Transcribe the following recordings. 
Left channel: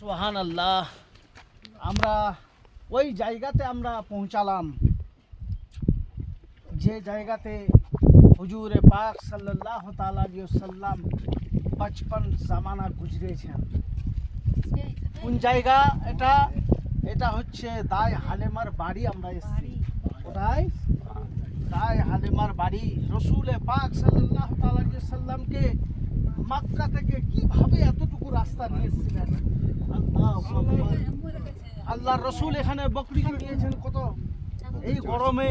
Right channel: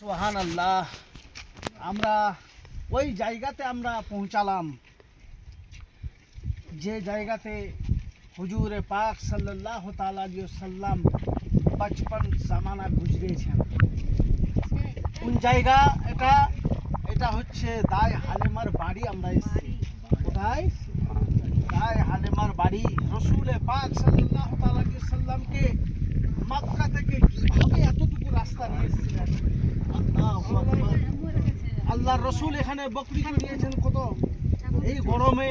সুবহানাল্লাহ। আমরা ওই জায়গাতে আমরা পৌঁছালাম যে জায়গাতে হুজুরে পাক সাল্লাল্লাহু তাআলা আলাইহি ওয়াসাল্লাম 55 জামানা গুজরেছেন। কোন জায়গা এটা? এটা হচ্ছে দায় হালিমার বাড়ি। আমরা এসেছি কোথায়? দায় হালিমার বাড়ি। রসুলে পাক সাল্লাল্লাহু তাআলা আলাইহি ওয়াসাল্লামকে মক্কা থেকে কিভাবে এতটুকু রাস্তা নিয়ে এসেছিলেন। আল্লাহর রসুল এখানে বকরি নিয়েছেন কত এই গরমে।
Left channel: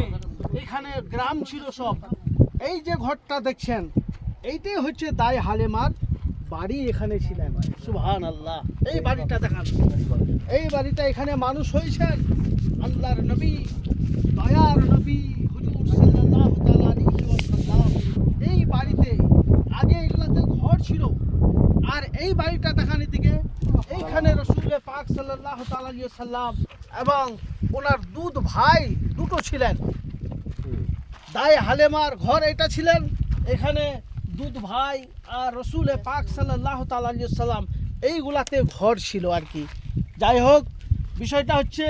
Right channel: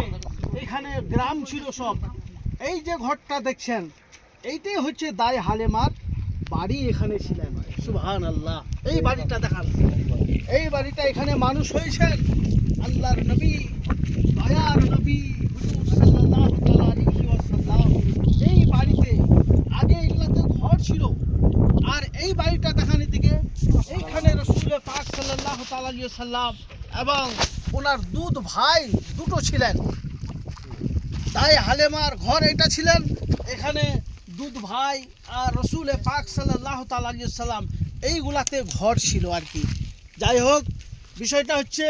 এখানে গ্রাম ছিল সব। এই যে ঘরটা দেখছেন এইটাই হচ্ছে দায় হালিমার বাড়ি। এখানে ছিলেন। সুবহানাল্লাহ। এই বাড়িটা দেখান। এই বাড়িটা এখানে মানুষ হয়েছেন আল্লাহর নবী, দয়ার নবী হুজুর সাল্লাল্লাহু তাআলা আলাইহি ওয়াসাল্লাম। এই বাড়িতে আগে এগুলাতে ঘর ছিল। আর এই বাড়িটা দেখান এদিকে। এইখানে রসুল পাক সাল্লাল্লাহু তাআলা আলাইহি ওয়াসাল্লাম এবং ওনার ভাই দুটো ছিলেন। তাই হালিমার ঘর এটা ছিলেন। এখানে ভাই আর রসুল পাক সাল্লাল্লাহু তাআলা আলাইহি ওয়াসাল্লাম এইগুলাতে ঘর ছিল আর কি। যাই হোক, বিষয়টা হচ্ছে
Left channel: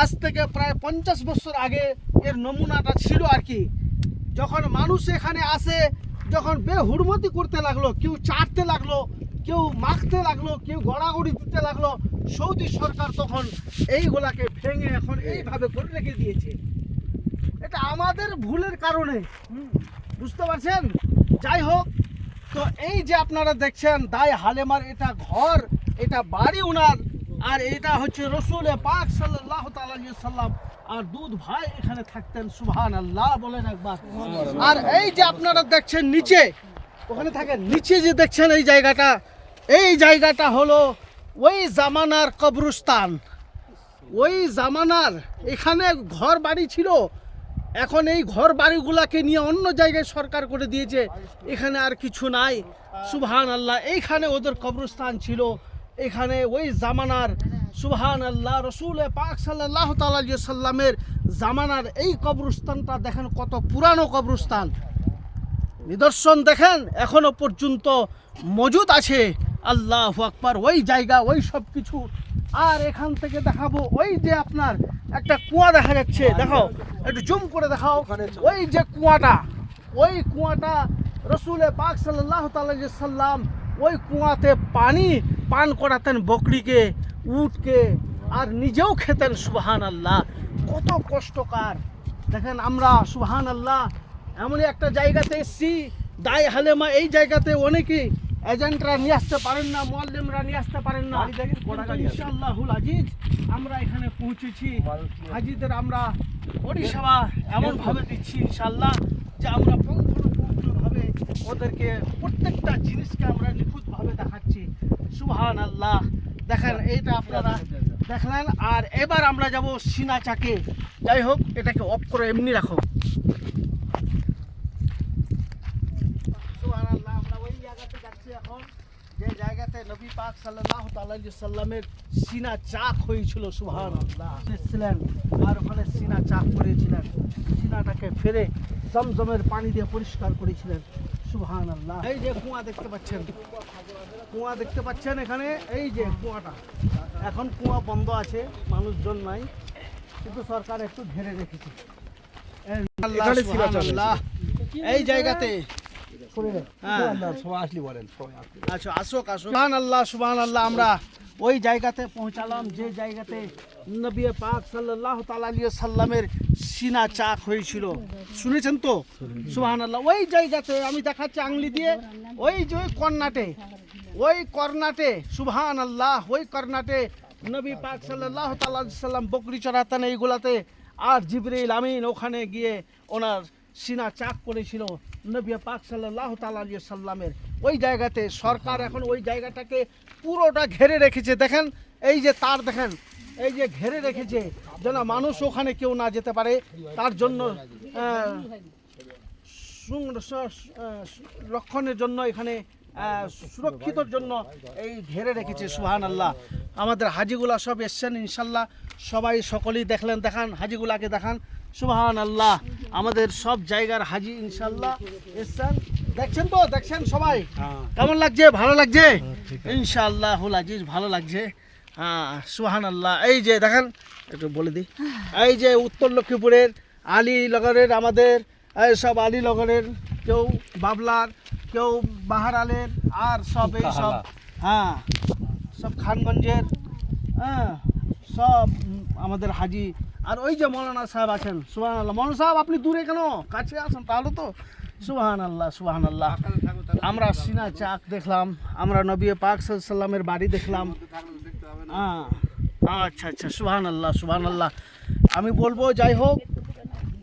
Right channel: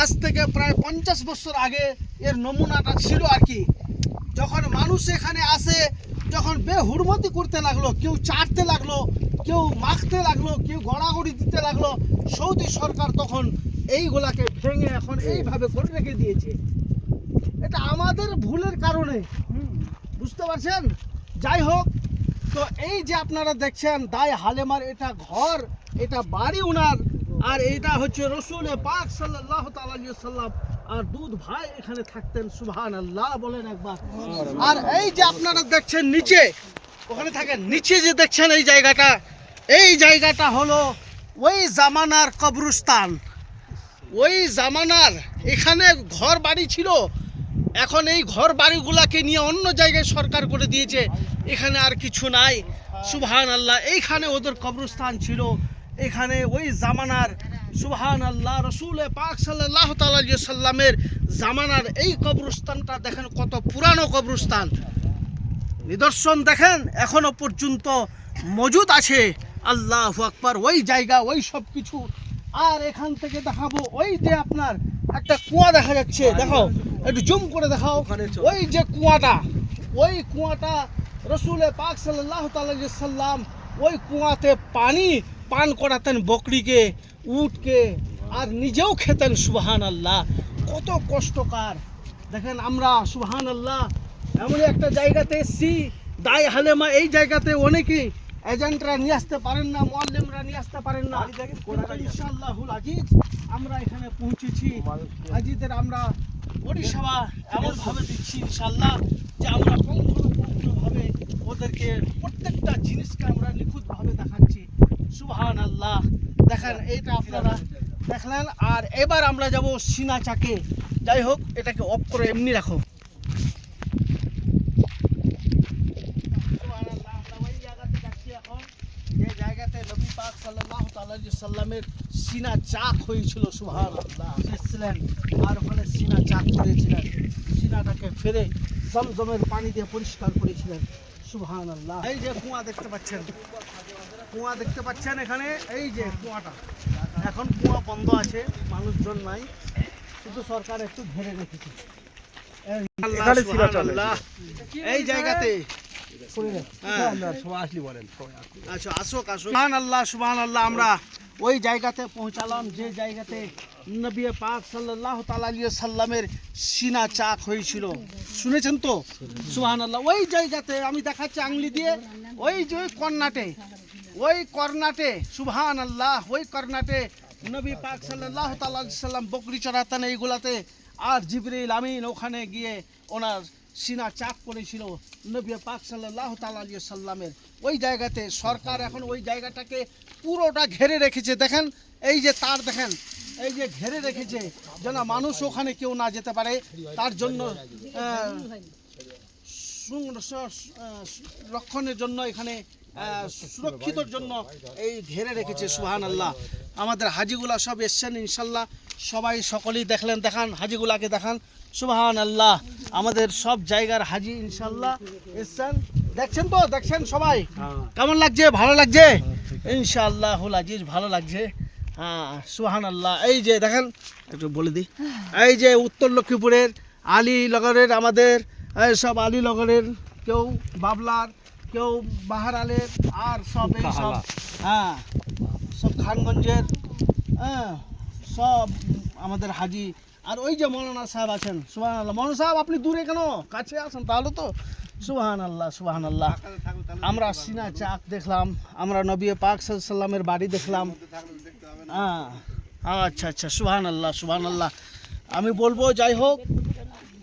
আজ থেকে প্রায় 50 বছর আগে এর নমুনাটা ছিল আর কি। যখন মানুষ এখানে আসে, যখন বেহুরমতি করতে লাগলো, কেউ চাটতে লাগলো, কেউ মাখতে লাগলো, কেউ গড়াগড়ি দিতে লাগলো, সৌদি সরকার তখন এইগুলাকে ভেঙে এখন এইভাবে করে রেখে দিয়েছে। এটা আমাদের ভুলের কারণে, বুঝতে পারছেন? যাই হোক, তো এই যে আপনারা দেখছেন দায় হালিমার এটা ঘর, এটা বাড়ি উনার। আর এটা হচ্ছে রসুলে পাক সাল্লাল্লাহু তাআলা আলাইহি ওয়াসাল্লাম আর ভাই এখানে থাকতেন। সুবহানাল্লাহ বলেন একবার। আর এই যে আপনারা দেখছেন নিচে, ওখানে থাকেন নিচে যে দেখছেন এই জায়গাটা হলো ওই জামানার কবরস্থান। ওই জামানার এখানে ঘর বাড়ি ছিল। এখন এই ঘর বাড়িগুলাকে নিয়ে অন্য জায়গায় সরকার করে দিয়েছে। এখানে আর কিছু নাই। সুবহানাল্লাহ। এইখানে ওদের কবরস্থান ছিল। এখানে ওই জামানার সুবহানাল্লাহ রসুল পাক সাল্লাল্লাহু তাআলা আলাইহি ওয়াসাল্লামের জামানার এই কবরস্থানটা দেখেন কত পুরানো কবরস্থান। নিদর্শন দেখেন এখনো পর্যন্ত মজুদ আছে। আল্লাহু আকবার। ওই জায়গা, ওই সব কিছু। আর এখান থেকে দেখাবো ওই যে আপনার একটা কুয়া দেখা যাচ্ছে, দেখো একটু জুম করে দেখাও। ওই যে কুয়াটা, ওই কুয়াটা রসুলে পাক সাল্লাল্লাহু তাআলা আলাইহি ওয়াসাল্লাম ওই কুয়াতে পানি পান করাতেন বকরিকে, উটকে, আর নিজেও খেতেন। সুবহানাল্লাহ। কত কষ্টকর দেখেন। আমরা সুবহানাল্লাহ এমনই একটা জায়গাতে এসেছি দায় হালিমা। এই জায়গাতে অনেকেই এজেন্টরা নিয়ে আসতে পারেন না, মুআল্লিমরা নিয়ে আসতে পারেন না। ইনশাআল্লাহুল আজিজ আমরা এখানে পৌঁছেছি। হাজিদের আমরা পরিষেবা এমনভাবে দিচ্ছি ইনশাআল্লাহ যে আমরা পুঙ্খানুপুঙ্খভাবে ওদেরকে প্রত্যেকটা জিনিসকে আমরা নিখুঁতভাবে দেখাচ্ছি। সুবহানাল্লাহ। দেখেন এইটা আপনারা দেখলেন। আর এবার আমরা যাব সিনা চাকে। যাই হোক, এটাকে অফ করে এমনি রাখো। সুবহানাল্লাহ। আমরা ওই জায়গাতে যাচ্ছি এখন যে জায়গাতে নবী পাক সাল্লাল্লাহু তাআলা আলাইহি ওয়াসাল্লামের সিনা চাক হয়েছিল। সুবহানাল্লাহ। এসেছিলেন আর ওখানে সিনা চাক করেছিলেন। সিনাটাকে ফেরে জমজমের পানি দিয়ে পরিষ্কার করেছিলেন। সুবহানাল্লাহ। এই যে কুয়া দেখতে পাচ্ছেন, কুয়া দেখতে পাচ্ছেন এখানে। এই যে কুয়াটা, এখন কুয়া বন্ধ আছে, মানুষজন নাই, কিন্তু সরকার একটু ঘিরে রেখেছে। এই জায়গাতে আচ্ছা আসুক আসুক। সুবহানাল্লাহ সুবহানাল্লাহ। আমরা ওই জায়গাতে পৌঁছালাম যে জায়গাতে নবী পাক সাল্লাল্লাহু তাআলা আলাইহি ওয়াসাল্লামের সিনা চাক হয়েছিল। শুনেছেন তো? সুবহানাল্লাহ। ওই জায়গাতে আমি দেখাচ্ছি আঙ্গুলি দিয়ে। ওই যে ওই কর্নাটে সুবহানাল্লাহ, ওই কর্নাটে নবী পাক সাল্লাল্লাহু তাআলা আলাইহি ওয়াসাল্লাম বকরি চড়াতেন এইগুলাতে। আর জিবরিল আমিন ওখানে গিয়ে ওনার সিনা চাক করেছিল নবী পাক সাল্লাল্লাহু তাআলা আলাইহি ওয়াসাল্লামের। ওই জায়গাতে সরকার এখন ওই জায়গাটাকে পুরোটা ঘিরে রেখেছে। দেখেন এই যে তার, দেখেন এই যে ঘিরে রেখেছে যেন মানুষ ওখানে কেউ না যেতে পারে। তার জন্য রক্ষণের জন্য এখানে সুরক্ষিতর জন্য এই ঘিরে রেখেছে। সুবহানাল্লাহ। আমাদের হাজিগুলা সব এসছেন ইনশাল্লাহ। সবাই সকলেই দেখলেন। দেখান হাজিগুলাকে দেখান। সুবহানাল্লাহ। আমাদের সব জায়গার হাজি ইনশাল্লাহ এসছেন। দেখছেন তো? দেখছেন সবাই? কেমন লাগছে? ভালো লাগছে ইনশাআল্লাহুল আজিজ? ভালো লাগছে। হ্যাঁ সুবহানাল্লাহ। এই যে দেখেন, একটু বলে দিই, এই যে উত্তর লক্ষ্মীপুরের আলীনগরের আমাদের এই সব আলীনগরের, কেউ বাবলার, কেউ বাহারালের, আর সব এই সব হ্যাঁ সব খানগঞ্জের, হ্যাঁ সব আমাদের হাজি। আর ওই যে মৌলানা সাহেব আছেন, সুবহানাল্লাহ। মৌলানা সাহেব আপনি দূরে কেন, কাছে আসেন তাহলে তো। সুবহানাল্লাহ সুবহানাল্লাহ। আমরা সিনা চাক দেখলাম, আমরা নবী পাক সাল্লাল্লাহু আলাইহি সাল্লামের বাড়ি দেখলাম। হ্যাঁ আচ্ছা আচ্ছা, সুবহানাল্লাহ সুবহানাল্লাহ। আমি বলবো যাই হোক,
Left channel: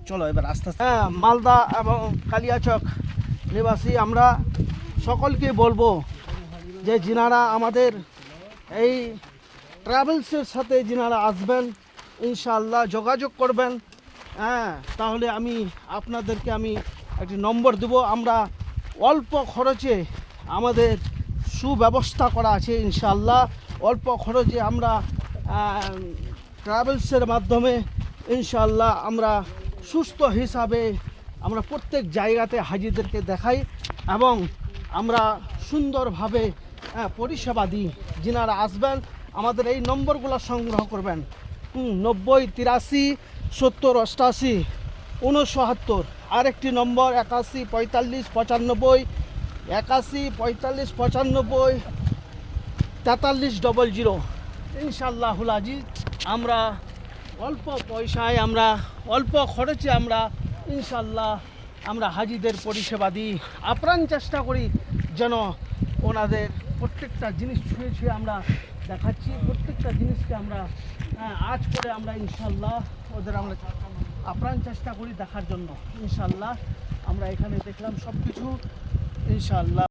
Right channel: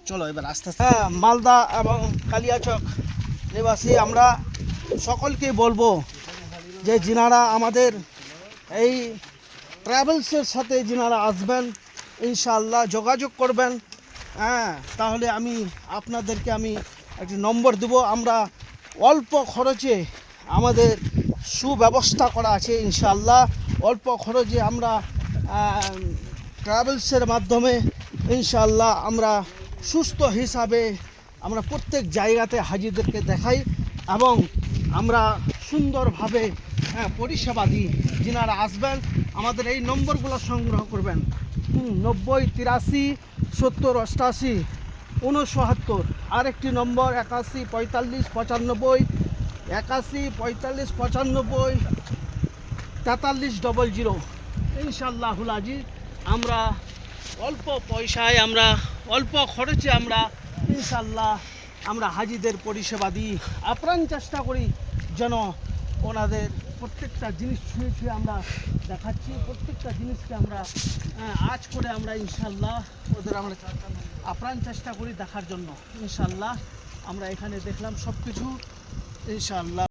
চলো এবার আস্তে আস্তে। হ্যাঁ মালদা এবং কালিয়াচক নিবাসী আমরা সকলকে বলবো যে যিনারা আমাদের এই ট্রাভেলসের সাথে যিনারা আসবেন, ইনশাআল্লাহ যোগাযোগ করবেন। হ্যাঁ তাহলে আপনাদেরকে আমি একটি নম্বর দেব। আমরা অল্প খরচে আমাদের সুব্যবস্থা করা আছে ইনশাআল্লাহ। অল্প খরচে আমরা ট্রাভেলসের মাধ্যমে ইনশাআল্লাহ আমরা সুস্থ হিসাবে আমরা প্রত্যেক জায়গাতে হাজিদেরকে দেখাই এবং আমরা সুন্দরভাবে পরিষেবা দিই। যিনারা আসবেন আমাদের এই নম্বরগুলো সংগ্রহ করবেন, 90 83 70 88 69। আরেকটি নম্বর 81 45 95 81 45 95 43 00। ইনশাআল্লাহুল আজিজ আমরা অল্প পয়সায়, আমরা অল্প খরচে আমরা ইনশাআল্লাহ আমরা হাজিদের পরিষেবা দিই। আপ্রাণ চেষ্টা করি যেন ওনাদের প্রত্যেকটা জিনিস ছুঁয়ে ছুঁয়ে আমরা দেখাচ্ছি, প্রত্যেকটা জিনিসকে আমরা আজ করে আমরা ইনশাআল্লাহ ওদের আমরা আপ্রাণ চেষ্টা করি দেখার জন্য। ইনশাআল্লাহ আমরা এখানে দেখলাম সব কিছু ইনশাআল্লাহ।